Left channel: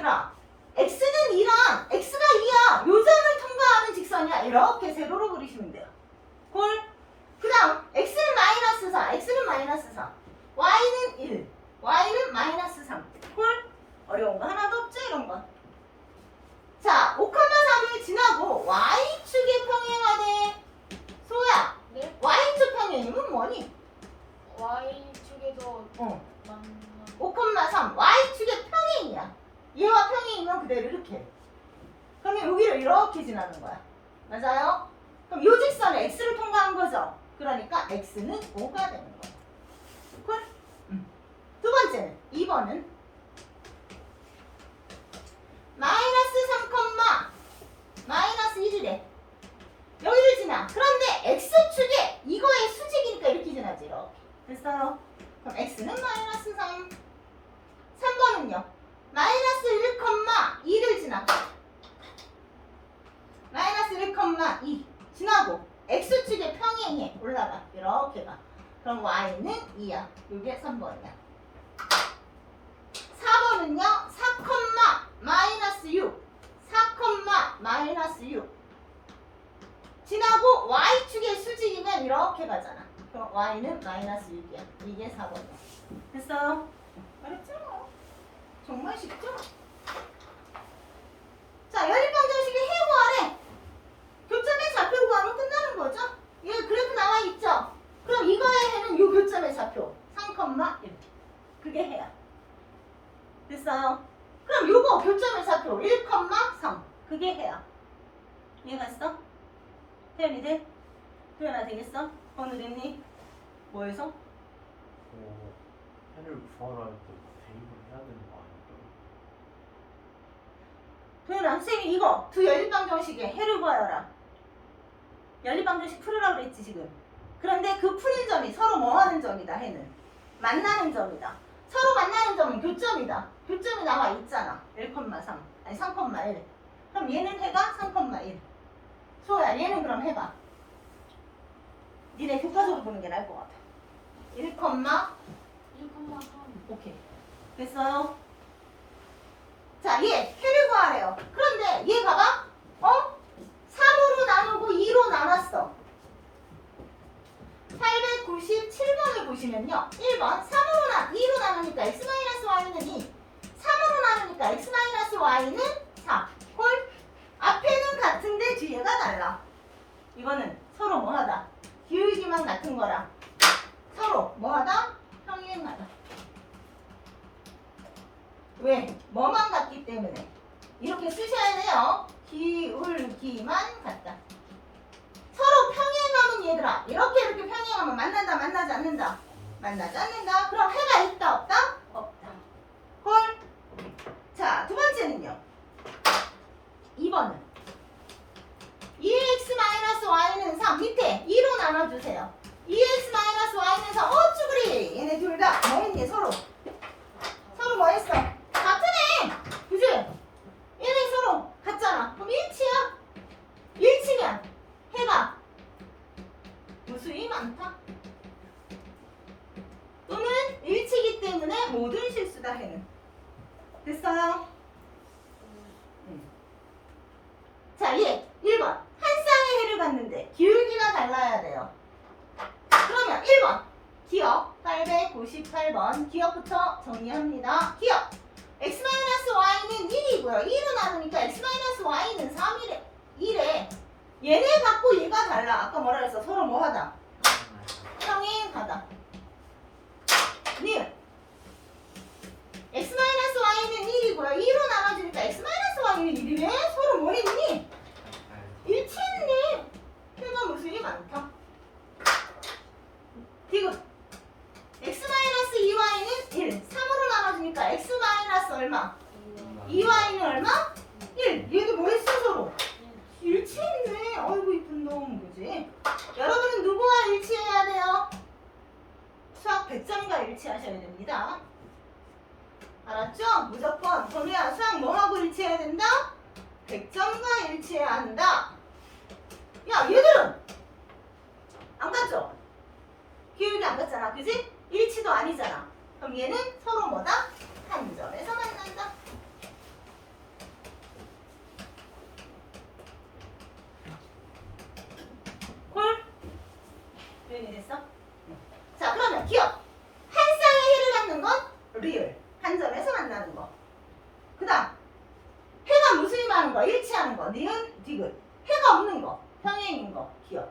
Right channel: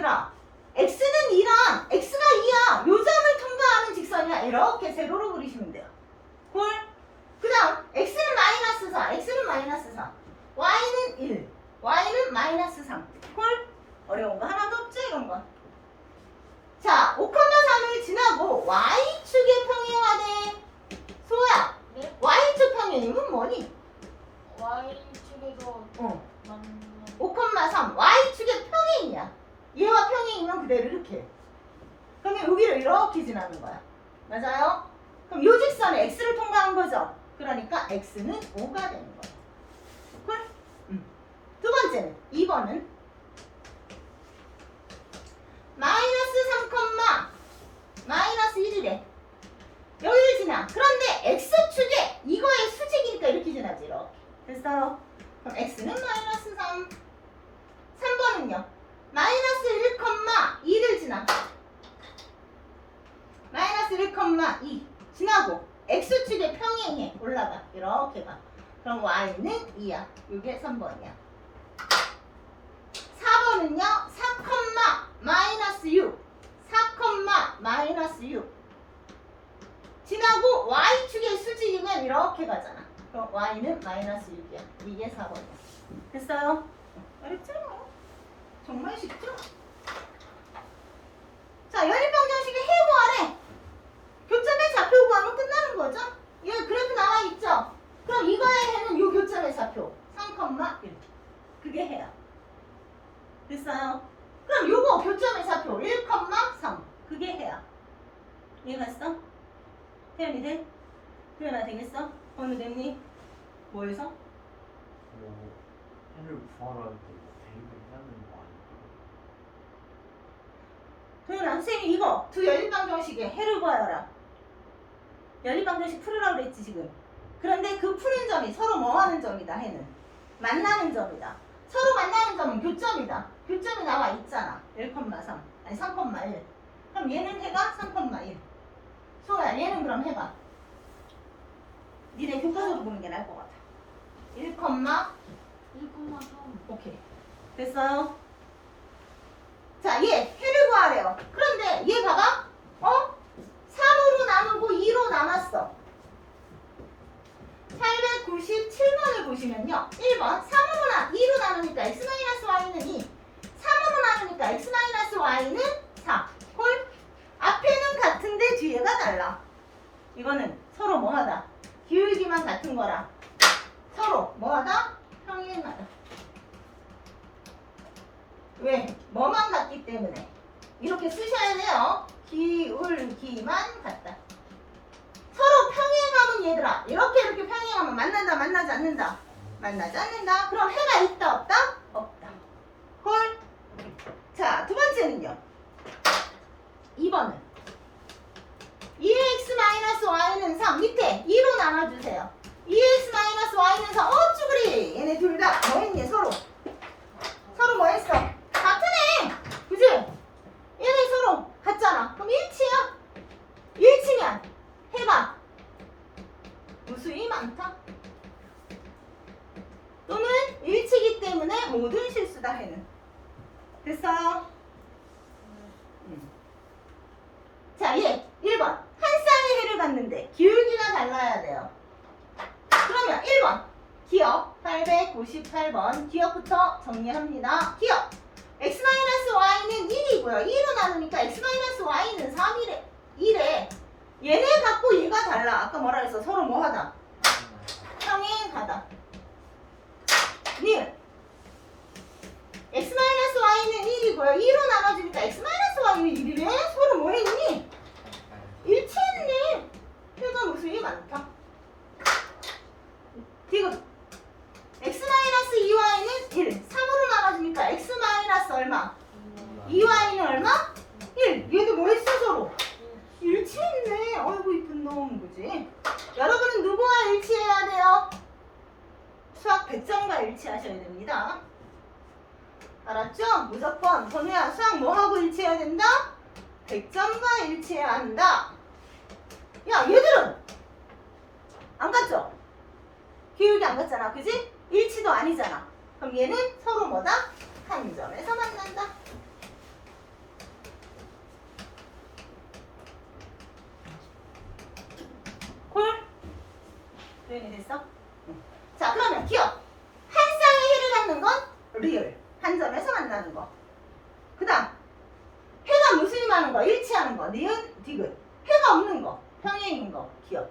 얘들아 x는 2랑 x가 2야. 요 점을 통과하는 직선이야. 이렇게 세로로 그리시면 돼요. 콜? 그 다음 x는 마이너스 4 x는 마이너스 4 y는 1 y는 마이너스 3 콜? 어려운 거 하나도 없죠 이런 거? 자, 5,3을 지나고 y축에 평행하네 소야 네? y축 평행이면 뭐니? Y축에서 어. 남는 5,3 y축의 평행이야. 얘와 평행이면 그대로 이렇게. 그러면 여기를 이렇게 지나는 거야. 맞아요? 그럼 요 직선에 x를 통과한 거죠. 그러니까 x는 5가 되는 거야. 콜? 음. 두 번째는 2번은 마이너스 3, 마이너스 1이래. 여기를 지나. 그런데 x축에 이거의 수직이니까 이렇게 지나지. 이렇게. 됐어요? 그럼 x는 마이너스 3. 3번은요. 마이너스 1,2를 지나. 마이너스 1,2 지나고 x축에 평행해 올라가. 이렇게 가. Y는 2야. 이게 3번이야. 4번은요. 4, 마이너스 6. 4, 마이너스 6. 지나고 y축의 수직이면 이렇게 가잖아. 그럼 y는 마이너스 6이야. 이게 4번이야. 됐어요? 어렵죠? 정말 쉽죠? 자, 연립방정식의 해구하래. 교점의 좌표 구하면 끝나는 거죠? 나와 있죠? 그럼 이거의 해는 요 교점의 좌표 3,1 그게 해야 됐어요? 그럼 요거 교점의 좌표 1,3 그게 해야 이해가 있어? 태연이 돼? 태연아 되겠어? 어느 됐니? 뭐해서? 뭐 해를 구하라는 거 대입을 해야 되는 거 아니에요? 도현아 선생님이 이거 두 연립방정식에 해를 구하여라 연립방정식 풀으라고 그랬지 지금 그런데 그 푸는 점이 서로 뭐 하는 점이다 해는 만나는 점이다 서로 만나는 점은 교점이다 교점이 나와 있잖아 1,3 아니 3,1 그럼 얘는 해가 3,1 소야 얘는 그럼 해봐 니네 교과서로 보는 게 나을 것 같아 1, 1,3 오케이. 됐어요? 자, 얘 해를 구하래요. 그런데 얘 봐봐. 어? 3으로 나누고 2로 나눴어. 897번을 보시면요. 1번 3으로 나 2로 나누니까 x-y는 2. 3으로 나누니까 x-y는 4. 콜? 앞에는 같은데 뒤에가 달라. 이거는 서로 뭐하다? 기울기만 같은 거라. 서로 뭐하다? 평행하다. 왜? 뭐만 같기 때문에 이렇게 쓰셔야 돼요. 기울기만 같다. 서로 평행하면 얘들아 이렇게 이렇게 평행하면 만난다 만나지 않는다 만나지 않는다. 그럼 해가 있다 없다? 없다. 헐. 자 두 번째는요. 2번은 2x-y는 3 밑에 2로 나눠주세요. 2x-y는 3어 쭈 그리 얘네 둘 다 뭐 했니 서로 서로 뭐 했어? 같은 애! 그지? 얘네 서로 같잖아. 그럼 일치야. 일치면 해봐. 무수히 많다. 또는 일치기 때문에 모든 실수다 해는. 됐어요? 음. 자, 얘 1번. 한 쌍의 해를 봤는데 기울기가 달라야 돼요. 그러면 1번. 기억 898번 기억부터 정리합니다. 기억 x-y는 1이고요. 2로 나누니까 x-y는 3이래. 1에 얘네 갖고 얘가 달라. 아까 뭐라 그랬어? 서로 뭐 하다? 평행하다. 닐 x-y는 1이고요. 2로 나눠지니까 x-y는 1이래. 서로 뭐 했니? 일치했네. 표가 무수히 많다. 디귿 x-2y는 1. 3으로 나눠지니까 x 마이너스 얼마? 2y는 얼마? 1. 얘도 뭐 했어 서로? 일치했네. 어이구 이쁜 놈 그지? 여러분은 누구와 일치해야 돼요? 100점과 일치하셔야 됩니다. 알았죠? 무조건 전우야 수학 뭐하고 일치해야 된다? 100점과 일치해야 한다. 야 얘들은 안 갔죠? 기울기 안 갔잖아 그지? 일치도 아니잖아 그럼 얘는 서로 뭐다? 한 점에서 만난다 됐어? 응. 자 그러면 기억 한 쌍의 해를 갖는 건 리얼 한 점에서 만나는 거. 그다음 해가 무슬림하는 거 일치하는 거 니은 디귿 해가 없는 거 평행인 거 기억.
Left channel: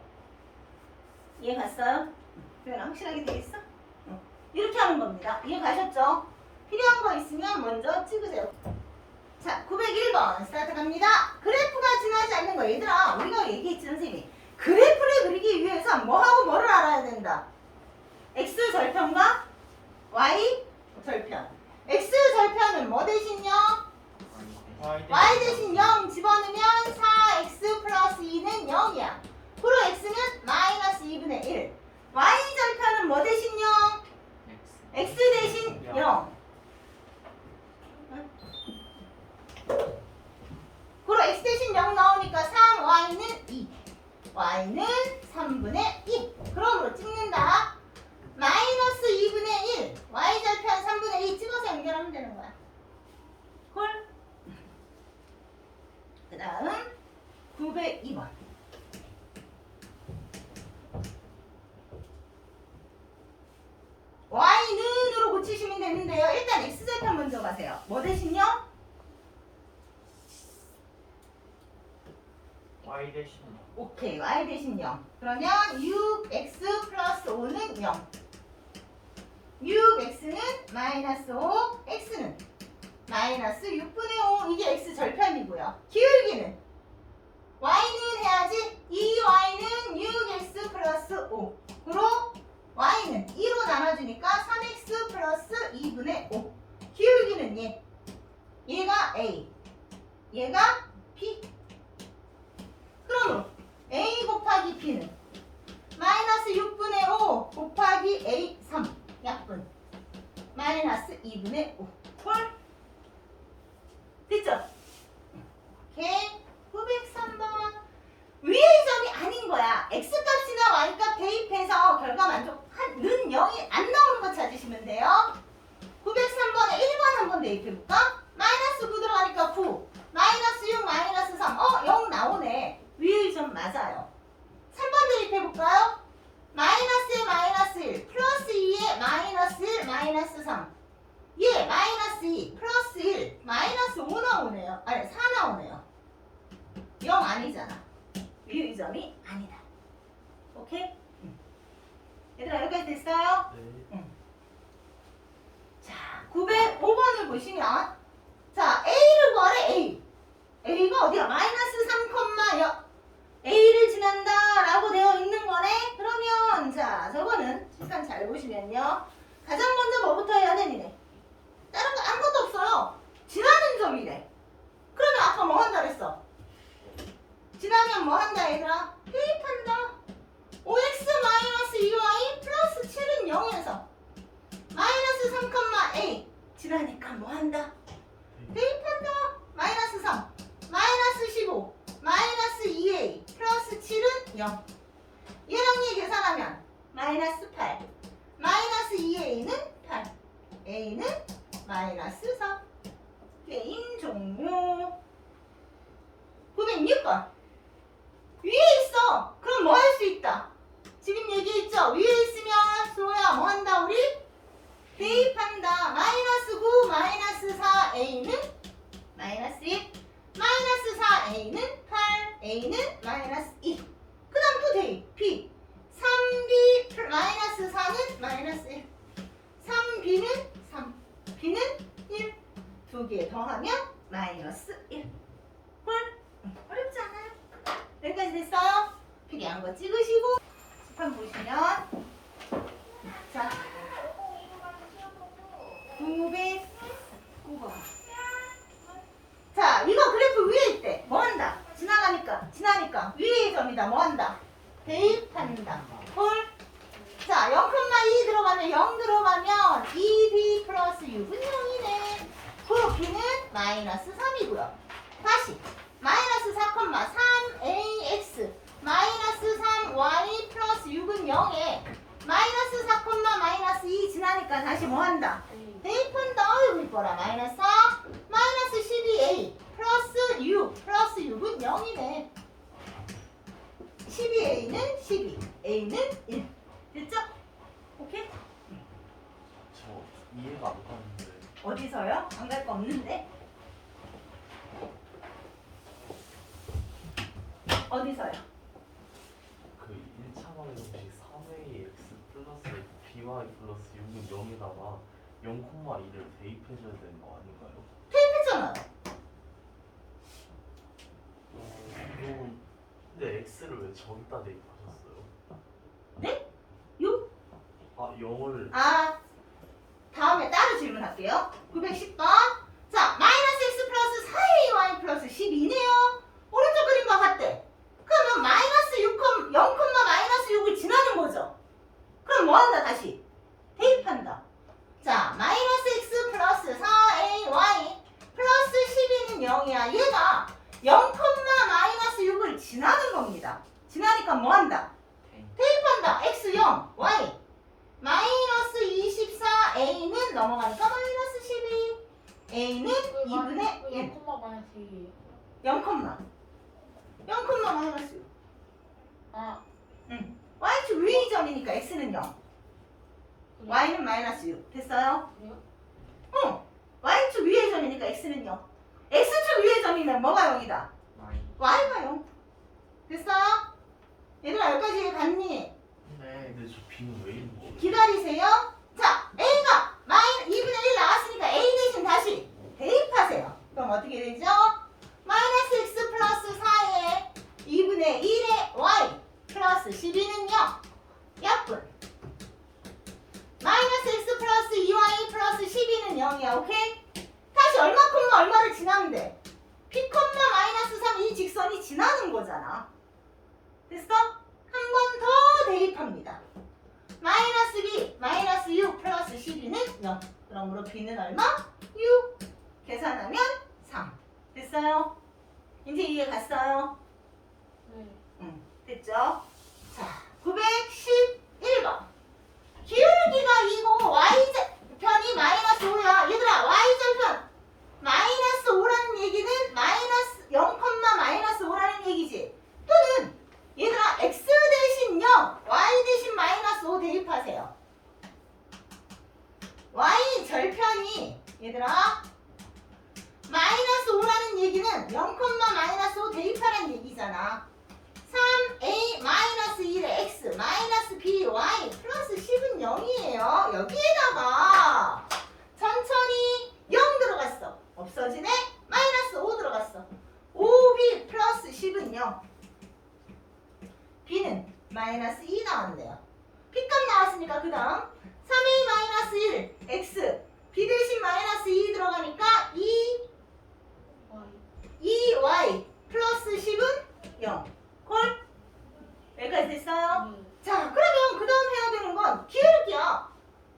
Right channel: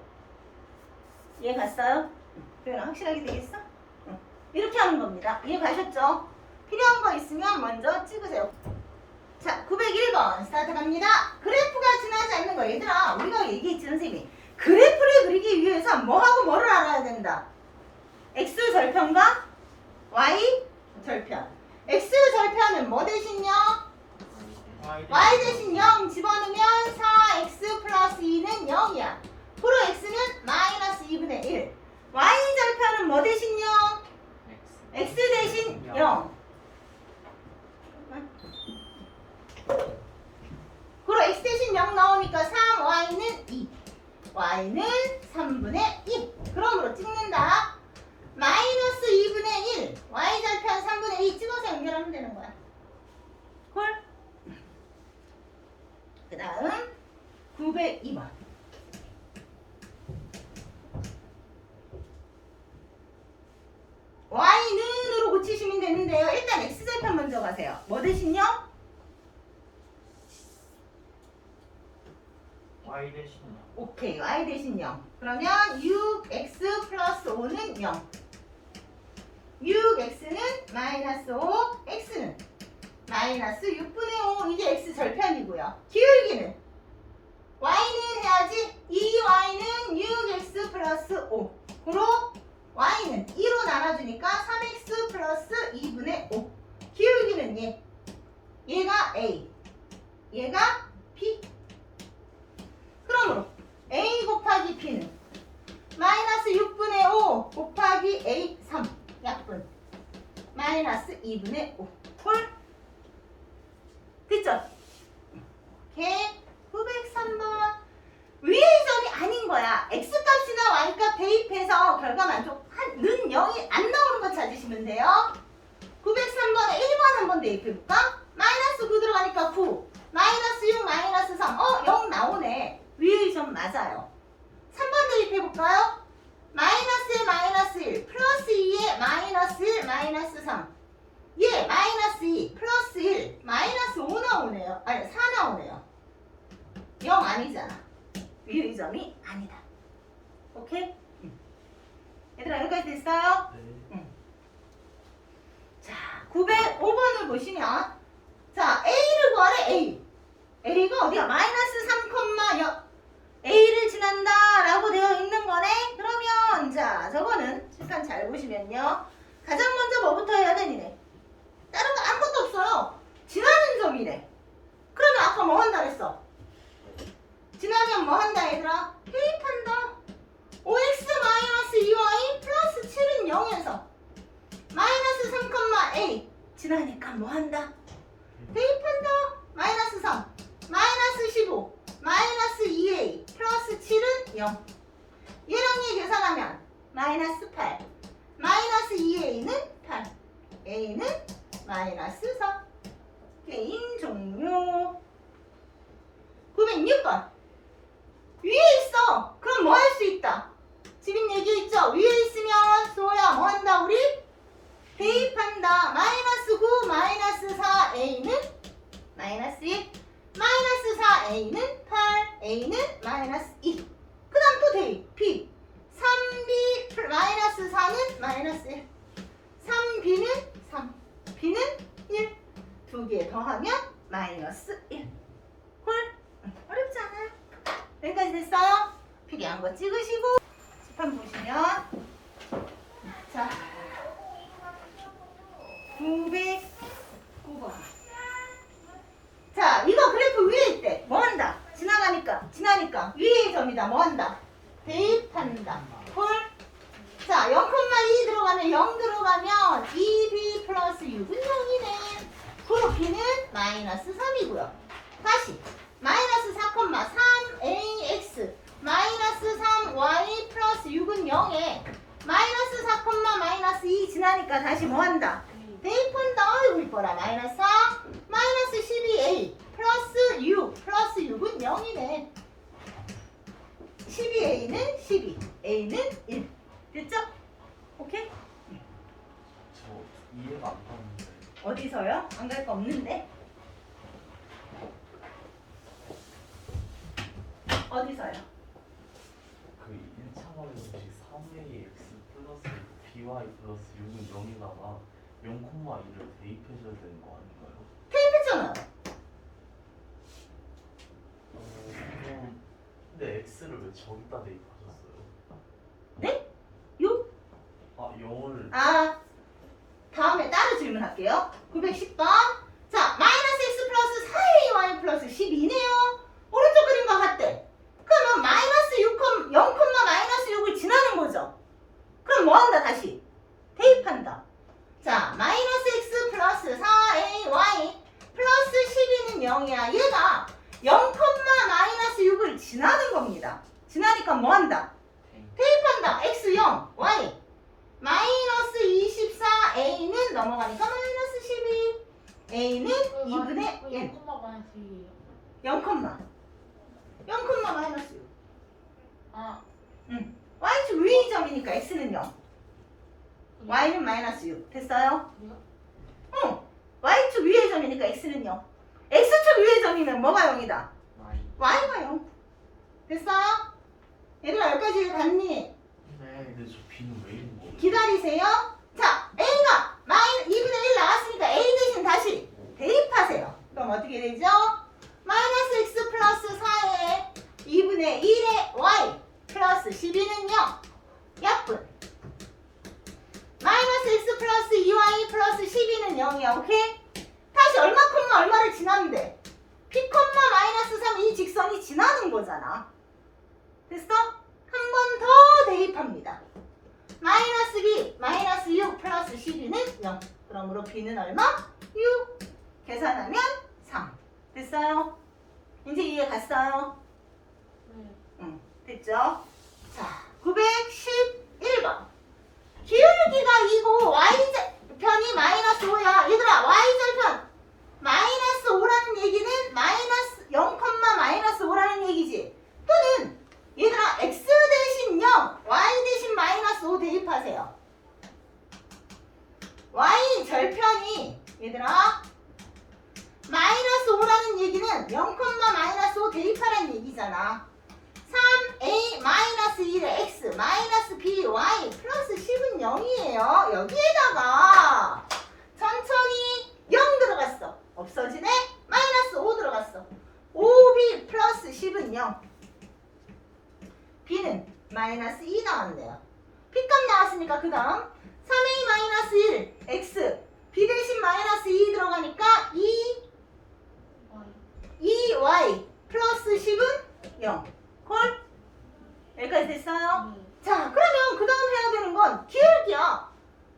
이해 갔어요? 표현 확실하게 되겠어? 응. 이렇게 하는 겁니다. 이해 가셨죠? 필요한 거 있으면 먼저 찍으세요. 자, 901번 스타트 갑니다. 그래프가 지나지 않는 거 얘들아 우리가 얘기했지 선생님이 그래프를 그리기 위해서 뭐하고 뭐를 알아야 된다. x 절편과 y 절편. x 절편은 뭐 대신 0? y 대신 0 집어넣으면 4x 플러스 2는 0이야. 프로 x는 마이너스 2분의 1. y 절편은 뭐 대신 0? x 대신 0. 그럼 x 대신 0 나오니까 3y는 2. y는 3분의 2. 그러므로 찍는다. 마이너스 2분의 1. y 절편 3분의 2 찍어서 연결하면 되는 거야. 콜? 그 다음 902번. y는으로 고치시면 되는데요. 일단 x절편 먼저 가세요. 뭐 대신요? Y 대신 오케이. y 대신 0. 그러면 6x 플러스 5는 0. 6x는 마이너스 5, x는 마이너스 6분의 5. 이게 x 절편이고요. 기울기는 y는 해야지 2y는 6x 플러스 5. 그로 y는 2로 나눠주니까 3x 플러스 2분의 5. 기울기는 얘. 얘가 a. 얘가 b. 그러므로 a 곱하기 b는 마이너스 6분의 5 곱하기 a 3 약분 마이너스 2분의 5 콜 됐죠? 오케이 903번 위의 점이 아닌 거야 x값이나 y값 대입해서 결과 만족하는 0이 안 나오는 거 찾으시면 돼요 903번에 1번 한번 대입해볼까? 마이너스 9 들어가니까 9 마이너스 6 마이너스 3 어? 0 나오네 위의 점 맞아요 3번 대입해볼까요? 마이너스에 마이너스 1 플러스 2에 마이너스 1 마이너스 3 예, 마이너스 2 플러스 1 마이너스 5 나오네요 아니 4 나오네요 0 아니잖아 위의 점이 아니다 오케이? 응. 얘들아 여기까지 됐어요? 네. 자, 905번을 보시면 자, A를 구하래 A. A가 어디야? 마이너스 3,0 A를 지난다 라고 되어 있는 거네. 그러면 자, 저거는 일단 잘 보시면요. 가장 먼저 뭐부터 해야 되니네? 다른 거 아무것도 없어요. 지나는 점이래. 그러면 아까 뭐 한다 그랬어? 지나면 뭐 한다 얘들아? 대입한다. 5x 마이너스 2y 플러스 7은 0에서 마이너스 3,a 지나니까 뭐 한다? 대입한다. 마이너스 3, 마이너스 15, 마이너스 2a 플러스 7은 0. 얘랑 얘 계산하면 마이너스 8, 마이너스 2a는 8, a는 마이너스 4. 게임 종료. 906번. 위에 있어. 그럼 뭐 할 수 있다? 지금 얘기했죠? 위에 있으면 소야 뭐 한다 우리? 대입한다. 마이너스 9 마이너스 4 A는 마이너스 1 마이너스 4 A는 8 A는 마이너스 2 그 다음 또 대입. B 3B 플- 마이너스 4는 마이너스 1 3B는 3 B는 1 두 개 더하면 마이너스 1홀 응, 어렵지 않아요? 여기까지 됐어요? 필요한 거 찍으시고 칠판 보시면. 자 909번. 자, 이거 그래프 위에 있대. 뭐 한다? 지나가니까, 지나니까. 위의 점이다. 뭐 한다? 대입한다. 헐. 자, 0,2 들어가면 0 들어가면 2b 플러스 6은 0이네. 그로 b는 마이너스 3이고요. 다시 마이너스 4,3ax 마이너스 3y 플러스 6은 0에 마이너스 4, 마이너스 2 지나니까 다시 뭐 한다? 대입한다. 아이고 이뻐라. 마이너스 4, 마이너스 12a 플러스 6, 플러스 6은 0이네. 12a는 12, a는 1. 됐죠? 오케이? 저 이해가 안 가는데. 어디서요? 안 갈 거 없는데? 대입해줘야 되는 거 아닌가요? 테이프잖아요. 어, 그럼 근데 x를 왜 저기다 대입하셨어요? 네? 요? 아 0을 아, 다음에 따로 질문할게요. 910번. 자, 마이너스 x 플러스 4ay 플러스 12네요. 오른쪽 그림과 같대. 그러면 마이너스 6, 0, 마이너스 6을 지나는 거죠. 그럼 뭐 한다, 다시? 대입한다. 자, 마이너스 x 플러스 4ay 플러스 12는 0이야. 얘가 0, 마이너스 6을 지나는 겁니다. 지나니까 뭐 한다? 대입한다. x 0, y. 마이너스 24a는 넘어가니까 마이너스 12 a는 2분의 1 0, 마이너스 2. 0, 0, 마이너스 6 아, y축 위의 점이니까 x는 0 y는 마이너스 6 됐어요? 그래요? 응 y축 위의 점이니까 x는 0 x축 위의 점이면 뭐가 0이다? y가 0 됐어요? 얘들아 여기까지 갔니? 네 근데 저 b는 왜 있는 거예요? 기다리세요. 자, A가 마이너 2분의 1 나왔으니까 A 대신 다시 대입하세요. 그럼 어떻게 되죠? 마이너스 x 플러스 4에 2분의 1의 y 플러스 12는 0. 약분. 마이너스 x 플러스 2y 플러스 12는 0이야. 오케이? 얼마큼만 얼마를 돼? p, 마이너스 3 이 직선이 지나는 거잖아. 됐어? 한 번 더 대입합니다. 마이너스 b 마이너스 6 플러스 12는 0 그러므로 b는 얼마? 6 계산하면 3 됐어요? 이제 이해 갔어요? 네. 응 됐죠? 자 911번 기울기가 이고 y편이 마이너스 5야 얘들아 y절편 마이너스 5라는 얘기는 마이너스 0, 마이너스 5라는 얘기지. 또는 얘들아 x 대신 0 y 대신 마이너스 5 대입하세요. y 절편이 얘들아 마이너스 5라는 얘기는 0, 마이너스 5 대입하라는 얘기잖아. 3a 마이너스 1의 x 마이너스 b y 플러스 10은 0이에요. 여기에다가 천천히 0 들어갔어 없어지네 마이너스 5 들어갔어 5b 플러스 10은 0 b는 마이너스 2 나왔네요 b값 나왔으니까 그 다음 3a 마이너스 1 x b 대신 마이너스 2 들어가니까 2 Y. 2y 플러스 10은 0 콜? 여기까지 됐어요? 네. 자 그러면 그 다음 해야 되는 건 기울기야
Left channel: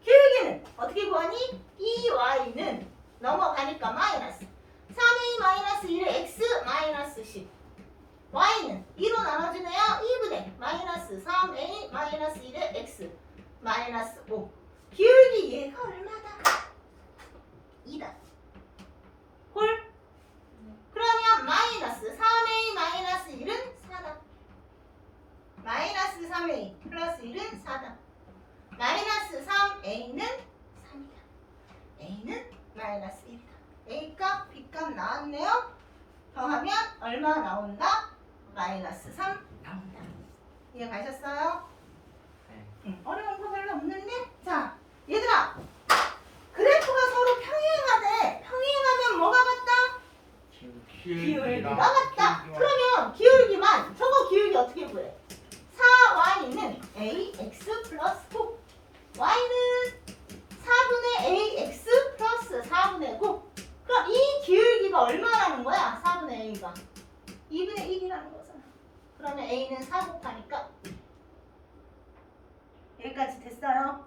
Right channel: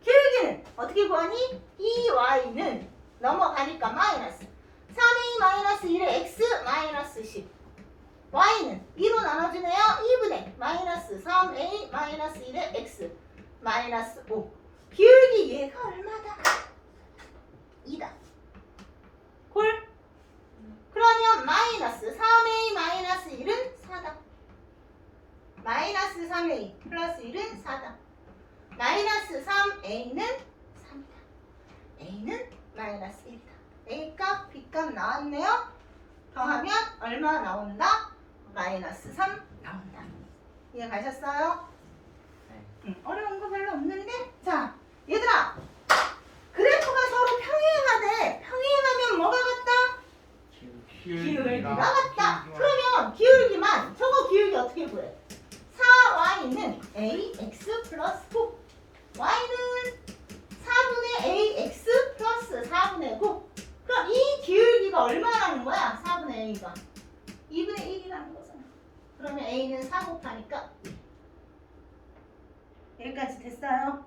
기울기는 어떻게 구하니? 2y는 넘어가니까 마이너스 3a 마이너스 1의 x 마이너스 10 y는 2로 나눠주네요 2분의 마이너스 3a 마이너스 1의 x 마이너스 5 기울기 얘가 얼마다? 2다 콜? 그러면 마이너스 3a 마이너스 1은 4다 마이너스 3a 플러스 1은 4다. 마이너스 3a는 3이다. a는 마이너스 1이다. a값, b값 나왔네요. 더하면 얼마 나온다? 마이너스 3 나온다. 이해 가셨어요? 네. 응, 어려운 거 별로 없는데? 자, 얘들아. 그래프가 서로 평행하대. 평행하면 뭐가 같다? 기울기가 같다. 그러면 기울기만 저거 기울기 어떻게 구해? 4y는 ax 플러스 9 y는 4분의 ax 플러스 4분의 9 그럼 이 기울기가 얼마라는 거야? 4분의 a가 2분의 1이라는 거잖아 그러면 a는 4 곱하니까 여기까지 됐어요?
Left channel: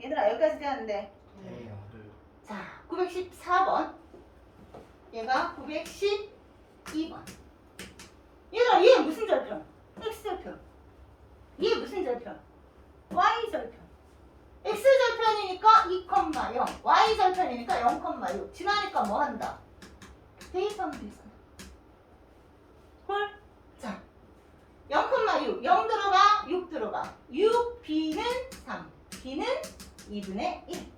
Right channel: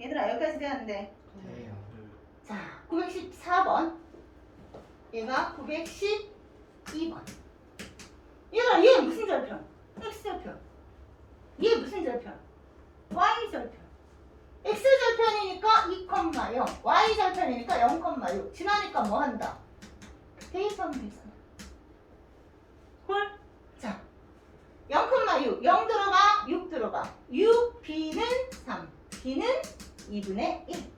얘들아 여기까지 되었는데 네. 자, 914번. 얘가 912번. 얘들아, 얘 무슨 절편? X 절편. 얘 무슨 절편? Y 절편. X 절편이니까 2,0. Y 절편이니까 0,6. 지나니까 뭐 한다? 대입하면 되잖아. 헐? 자, 0,6. 0 들어가, 6 들어가. 6, B는 3. B는 2분의 1.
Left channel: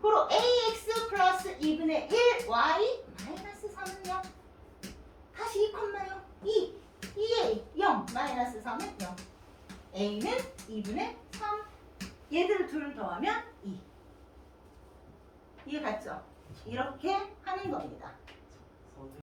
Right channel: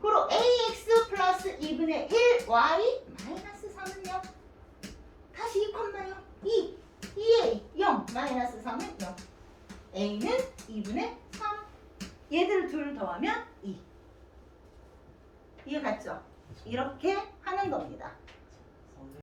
그로 ax 플러스 2분의 1 y 마이너스 3은 0 다시 2 콤마 0 2 2a 0 마이너스 3은 0 a는 2분의 3 얘들 둘 더하면 2 이해 갔죠? 이렇게 하는 겁니다